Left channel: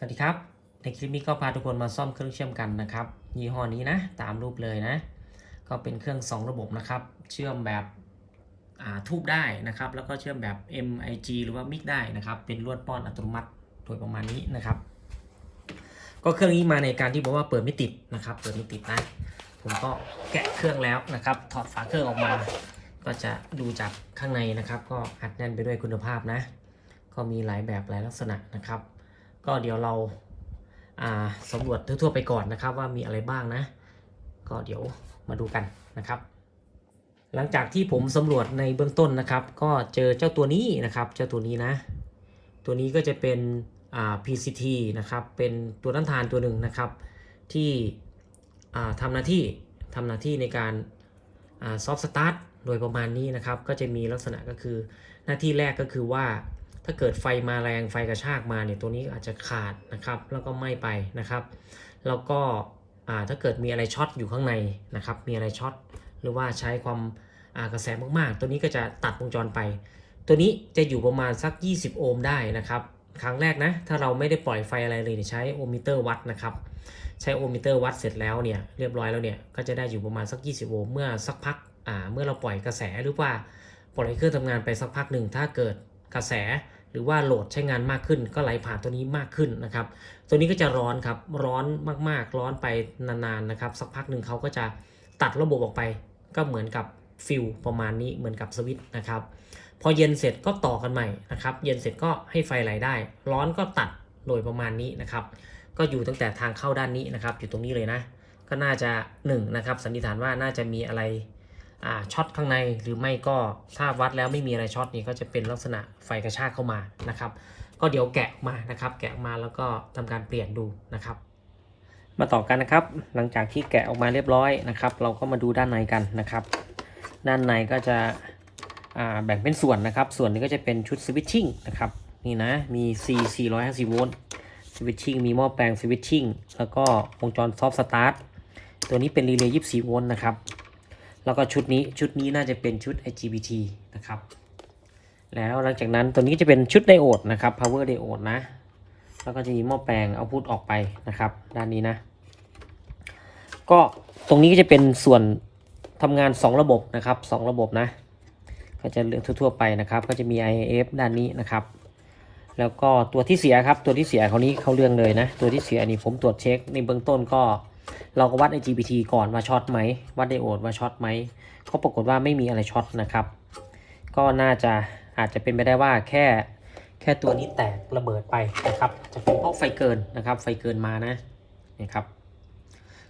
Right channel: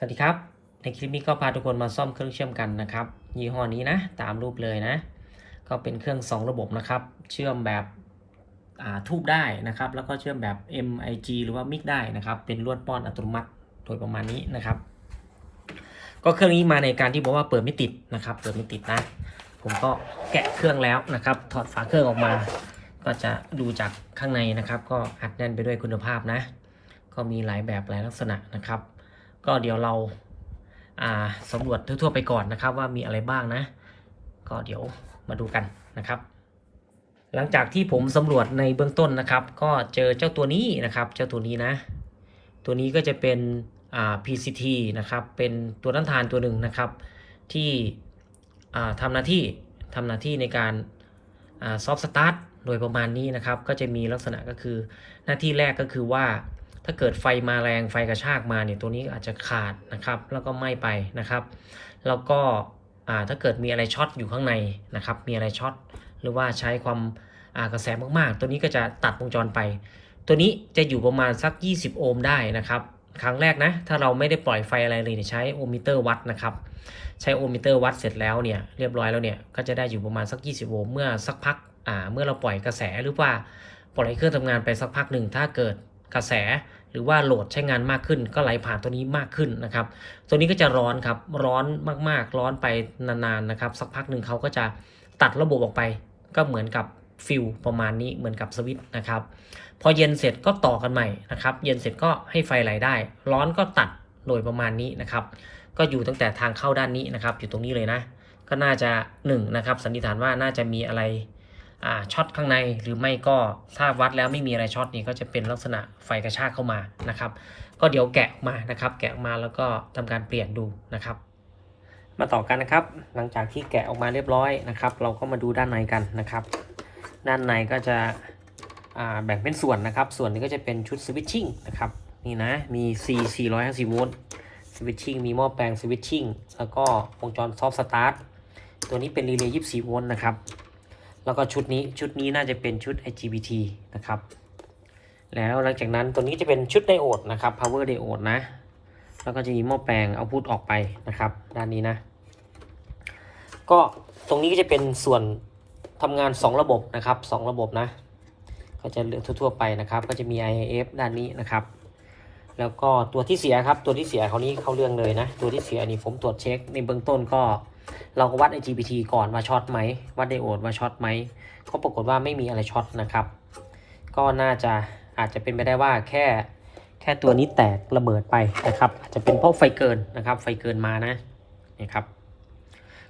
สวัสดีครับในคลิปนี้ก็พาทุกคนมาซ่อมเครื่องเชื่อมกันนะครับยี่ห้อนี้นะตามรูปเลยนะก็เป็นเครื่อง2ระบบนะครับเชื่อมแบบทูบได้นะครับแล้วก็เชื่อมแบบ MIG หรือว่า MIG ได้นะครับเป็นลวดป้อนอัตโนมัติโดยประมาณนี้นะครับก็เครื่องนี้มาในการที่บอกว่าเปิดไม่ติดนะครับเปิดไม่ติดนะผมก็แกะเครื่องแล้วนะครับถอดฝาเครื่องออกมาก็จะดูจากข้างในนะครับก็อัดแน่นไปด้วยคุณภาพนะก็มีหลายแบบหลายลักษณะนะครับก็เดี๋ยวเราสำรวจทั่วๆไปก่อนนะครับว่ามีอะไรบ้างนะก็เดี๋ยวมาดูกันนะครับหลังจากที่ผมสำรวจในเบื้องต้นนะครับก็เจอเจ้าตัวนี้นะครับเจ้าตัวนี้นะตัวนี้ก็จะเป็นPCT นะครับเป็นตัวต้านทานตัวหนึ่งนะครับที่ทำหน้าที่ในการซอฟต์สตาร์ทโดยประมาณนี้นะครับก็จะมีลักษณะก็คือหน้าที่แรกก็คือว่าถ้าเกิดไฟมาแรงไฟกระชากมาเนี่ยตัวนี้อาจจะขาดนะครับแล้วก็ไหม้ไปนะครับแล้วก็ถ้าเกิดมีอะไรช็อตอยู่ข้างในนะครับมีอะไรช็อตหรือว่าใช้ความกระแสมากๆตัวนี้ก็จะตัดวงจรไปตัวนี้จะอยู่ประมาณสัก20โอห์มได้นะครับครั้งแรกนะถ้าเราไม่ได้ปล่อยไฟอะไรเลยใช้โอห์มมิเตอร์วัดนะครับใช้โอห์มมิเตอร์วัดเสร็จแล้วเนี่ยเรียบร้อยแล้วเนี่ยก็จะได้อยู่ประมาณสัก20โอห์มเมื่อสักพักเมื่อเราปล่อยกระแสหรือว่าปล่อยเครื่องทำงานไปสักพักหนึ่งถ้าเกิดกระแสหรือว่าโหลดใช้งานมากขึ้นก็ไหลผ่านตัวนี้มากขึ้นนะครับตัวนี้ก็จะร้อนครับร้อนมากๆร้อนไปนานๆนะครับสักพักหนึ่งเขาก็จะตัดระบบออกไปก็เหมือนกับฟิลประมาณนี้เหมือนกับสวิตช์นะครับพอเย็นเสร็จก็ต่อกันใหม่นะครับเย็นเสร็จก็ให้ไฟไหลได้ร้อนก็ตัดโดยประมาณนี้นะครับก็อยู่ตั้งแต่ทางเข้าด้านนี้นะครับอยู่ตรงนี้เลยนะก็น่าจะ1นะครับสันนิษฐานว่าน่าจะมีอะไรช็อตข้างในหรือไม่ก็ถ้าวัดแล้วไม่มีอะไรช็อตนี่ก็จะเป็นลักษณะไฟกระชากเข้ามานะครับก็เดี๋ยวแกะมานะครับแกะมาแล้วก็ทำการเปลี่ยนดูนะครับมาต่อกันนะครับหลังจากที่แกะออกมาเรียบร้อยนะครับเราก็มาดูด้านในกันนะครับด้านในก็จะแบ่งเป็นส่วนนะครับส่วนนี้ก็จะเป็นชุดสวิตชิ่งนะครับนี่นะมี C 450โวลต์สวิตชิ่งมีหม้อแปลงสวิตชิ่งแล้วก็วงจรซอฟต์สตาร์ทตัวนี้เป็นรีเลย์24โวลต์นะครับแล้วก็ชุดนี้น่าจะเป็นชุด IGBT นะครับแล้วหลังจากนั้นตัวนี้จะเป็นชุดไดโอดนะครับ power diode นะแล้วก็จะมีหม้อแปลงเอาพุทออกไปนะครับด้านนี้นะก็ตรงนี้ก็จะเป็นส่วนทำงาน2ระบบนะครับ2ระบบนะก็จะเลือกทั่วๆไปนะครับก็จะมี IF ด้านนี้นะครับแล้วก็ตัวที่เสียครับตัวที่เสียเขานี้เขาเรื่องเลยนะตัวที่เสียนี่ผมตรวจเช็คในเบื้องต้นก็เราก็วัด IGBT ก่อนว่าช็อตไหมวัดไดโอดว่าช็อตไหมก็ปรากฏว่าไม่มีอะไรช็อตนะครับก็น่าจะอาจจะเป็นไปได้ว่าแค่ตัวนี้แตกระเบิดไปนะครับจะเป็นเพราะไฟเกินนะครับไฟเกินมานะนี่ครับ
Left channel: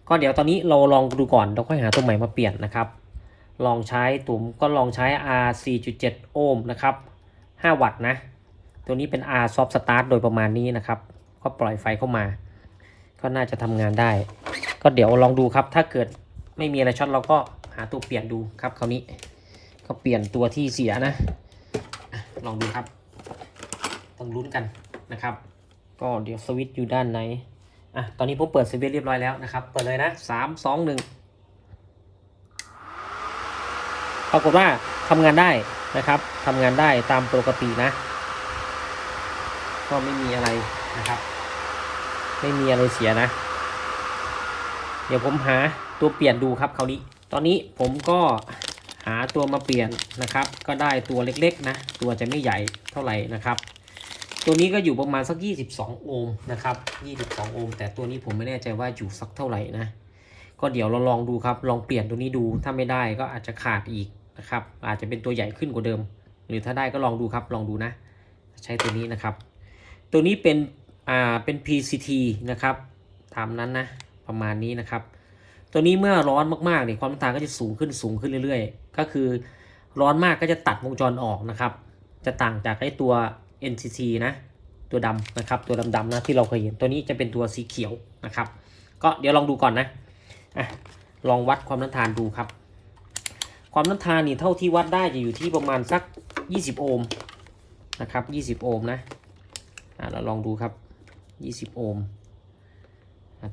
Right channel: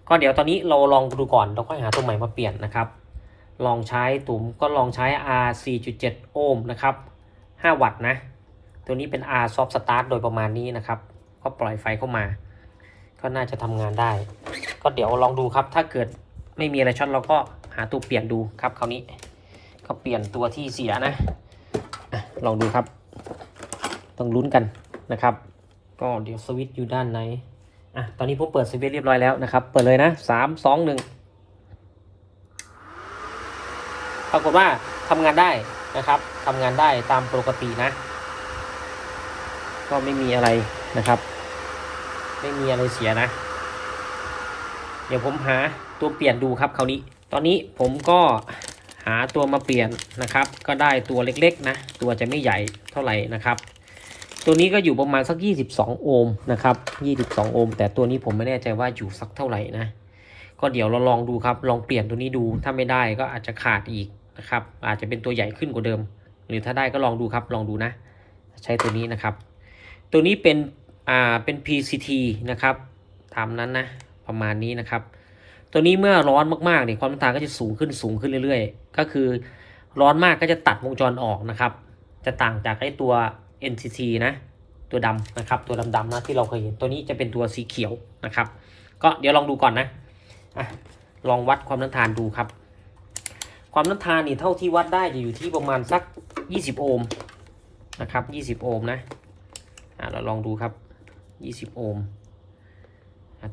ก็เดี๋ยวตอนนี้เราลองดูก่อนเราค่อยหาตัวใหม่มาเปลี่ยนนะครับลองใช้ตุ่มก็ลองใช้ R 4.7 โอห์มนะครับ5 วัตต์นะตัวนี้เป็น R soft start โดยประมาณนี้นะครับก็ปล่อยไฟเข้ามาก็น่าจะทำงานได้ก็เดี๋ยวลองดูครับถ้าเกิดไม่มีอะไรช็อตเราก็หาตัวเปลี่ยนดูครับคราวนี้ก็เปลี่ยนตัวที่เสียนะลองดูครับต้องลุ้นกันนะครับก็เดี๋ยวสวิตช์อยู่ด้านในตอนนี้ผมเปิดสวิตช์เรียบร้อยแล้วนะครับเปิดเลยนะ3 2 1ปรากฏว่าทำงานได้นะครับทำงานได้ตามปกตินะก็ไม่มีอะไรนะครับไม่มีอะไรเสียนะเดี๋ยวผมหาตัวเปลี่ยนดูครับคราวนี้ตอนนี้ผมก็หาตัวมาเปลี่ยนนะครับก็ได้ตัวเล็กๆนะตัวจะไม่ใหญ่เท่าไหร่นะครับตัวนี้ก็อยู่ประมาณสัก22โอห์มนะครับ22โอห์มแต่ตัวนี้ผมไม่แน่ใจว่าอยู่สักเท่าไหร่นะก็เดี๋ยวเราลองดูครับลองเปลี่ยนตัวนี้ดูถ้าไม่ได้ก็อาจจะขาดอีกนะครับอาจจะเป็นตัวใหญ่ขึ้นกว่าเดิมหรือถ้าได้ก็ลองดูครับลองดูนะใช้ตัวนี้นะครับตัวนี้เป็น PCT นะครับตามนั้นนะประมาณนี้นะครับตัวนี้เมื่อร้อนมากๆเนี่ยความต้านทานก็จะสูงขึ้นเรื่อยๆก็คือร้อนมากก็จะตัดวงจรออกนะครับจะต่างจากไอ้ตัว NCC นะตัวดำนะครับตัวดำๆนะที่เราเคยเห็นตัวนี้จะเป็นตัวสีเขียวนะครับก็เดี๋ยวลองดูก่อนนะลองวัดความต้านทานดูครับความต้านทานนี่เท่าที่วัดได้จะอยู่ที่ประมาณสัก20โอห์มนะครับ20โอห์มนะเราลองดูครับ20โอห์ม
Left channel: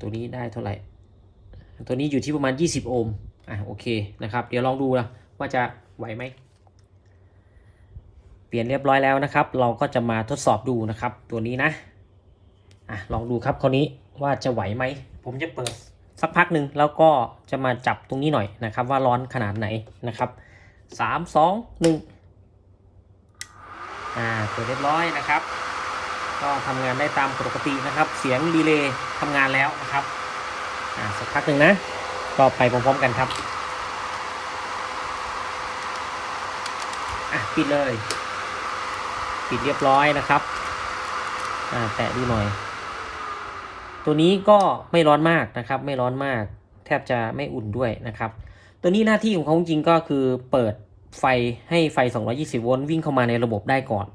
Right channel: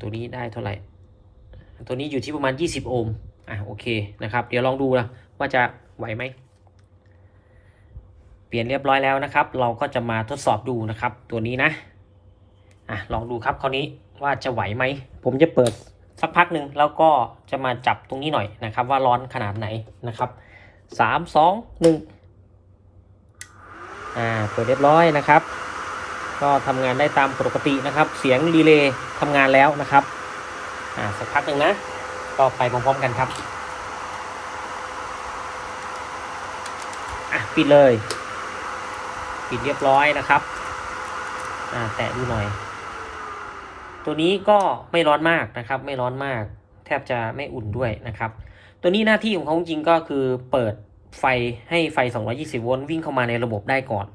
ตัวนี้ได้เท่าไหร่ตัวนี้อยู่ที่ประมาณ20โอห์มโอเคนะครับเดี๋ยวลองดูนะว่าจะไหวไหมเปลี่ยนเรียบร้อยแล้วนะครับเราก็จะมาทดสอบดูนะครับตัวนี้นะ ลองดูครับคราวนี้ว่าจะไหวไหมผมจะเปิดสักพักหนึ่งแล้วก็จะมาจับตรงนี้หน่อยนะครับว่าร้อนขนาดไหนนะครับ3 2 1เปิดเรียบร้อยนะครับก็ทำงานได้ตามปกตินะครับเสียงรีเลย์ทำงานแล้วนะครับสักพักหนึ่งนะก็ไปพร้อมๆกันครับปิดเลยปิดเรียบร้อยนะครับแตะดูหน่อยตัวนี้ก็ไม่ร้อนมากนะครับไม่ร้อนมากแทบจะไม่อุ่นด้วยนะครับตัวนี้หน้าที่ของเขาจริงก็คือเปิดไฟให้ไฟ220โวลต์วิ่งเข้ามาในระบบได้ก่อน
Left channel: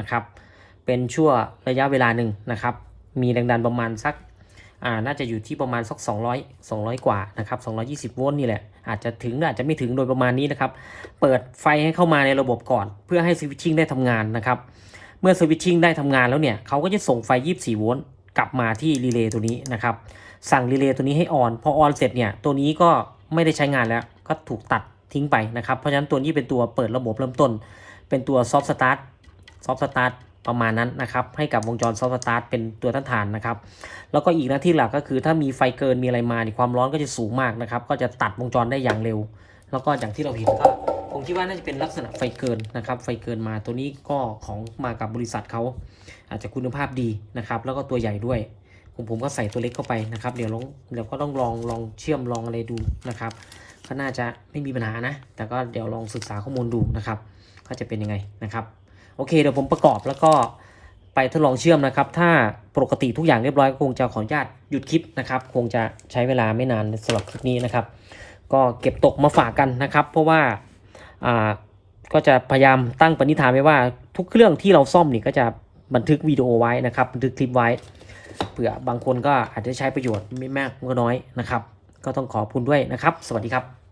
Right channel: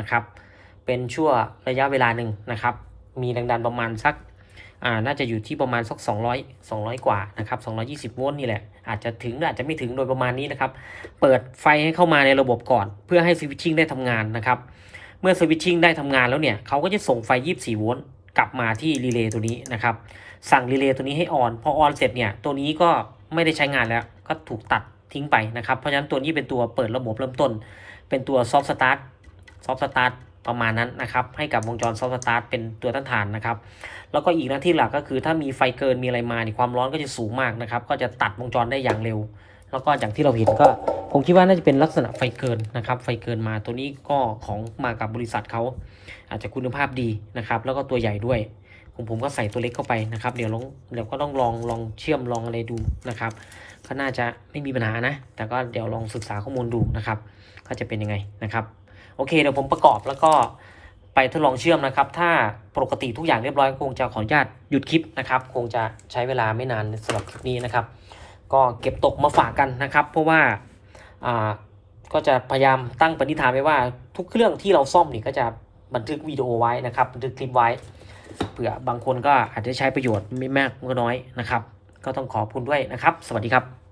นะครับเป็นชั่วระยะเวลาหนึ่งนะครับมีแรงดันประมาณสักน่าจะอยู่ที่ประมาณสัก200กว่านะครับ220โวลต์นี่แหละอาจจะถึงอาจจะไม่ถึงโดยประมาณนี้นะครับเปิดไฟให้เข้ามาในระบบก่อนเพื่อให้สวิตชิ่งได้ทำงานนะครับเมื่อสวิตชิ่งได้ทำงานแล้วเนี่ยเขาก็จะส่งไฟ24โวลต์กลับมาที่รีเลย์ตัวนี้นะครับสั่งรีเลย์ตัวนี้ให้ออนพอออนเสร็จเนี่ยตัวนี้ก็ไม่ได้ใช้งานแล้วก็ถูกตัดทิ้งไปนะครับเพราะฉะนั้นตัวนี้เป็นตัวเปิดระบบเริ่มต้นเป็นตัวซอฟต์สตาร์ทประมาณนั้นนะครับให้กับวงจรซอฟต์สตาร์ทเป็นตัวต้านทานนะครับแล้วก็อีกหน้าที่หลักก็คือถ้ามีไฟเกินมีอะไรมาความร้อนก็จะสูงมากนะครับก็จะตัดวงจรได้อย่างเร็วแล้วก็อย่างที่เราเห็นก็ผมคิดว่าน่าจะเป็นลักษณะไฟเกินนะครับไฟเกินมาตัวนี้ก็ของมากับบริษัทเขาอาจจะคุณภาพดีนะครับแล้วก็ตัวใหญ่ด้วยผมก็ใส่ตัวเล็กเข้าไปนะครับเดี๋ยวก็ต้องลองเชื่อมลองอะไรดูนะครับก็น่าจะไม่มีปัญหานะแต่ก็เดี๋ยวลองศึกษาข้อมูลดูนะครับก็จะเป็นยังไงนะครับโอเคเดี๋ยวผมประกอบแล้วก็ไปทดลองเชื่อมนะครับถ้าปกติทุกอย่างเรียบร้อยคงจะขออนุญาตหยุดคลิปนะครับคงจะใช้เวลาไม่นานสำหรับคลิปนี้นะครับก็เก็บตกมาฝากกันนะครับเพราะว่าก็จะพยายามตั้งปณิธานไว้ว่าทุกเครื่องที่เราซ่อมนี่ก็จะบันทึกวิดีโอไว้นะครับบันทึกคลิปไว้เผื่อบางคนก็อาจจะใช้ประโยชน์ไม่มากก็น้อยนะครับก็ต้องขอบคุณด้วยนะครับสวัสดีครับ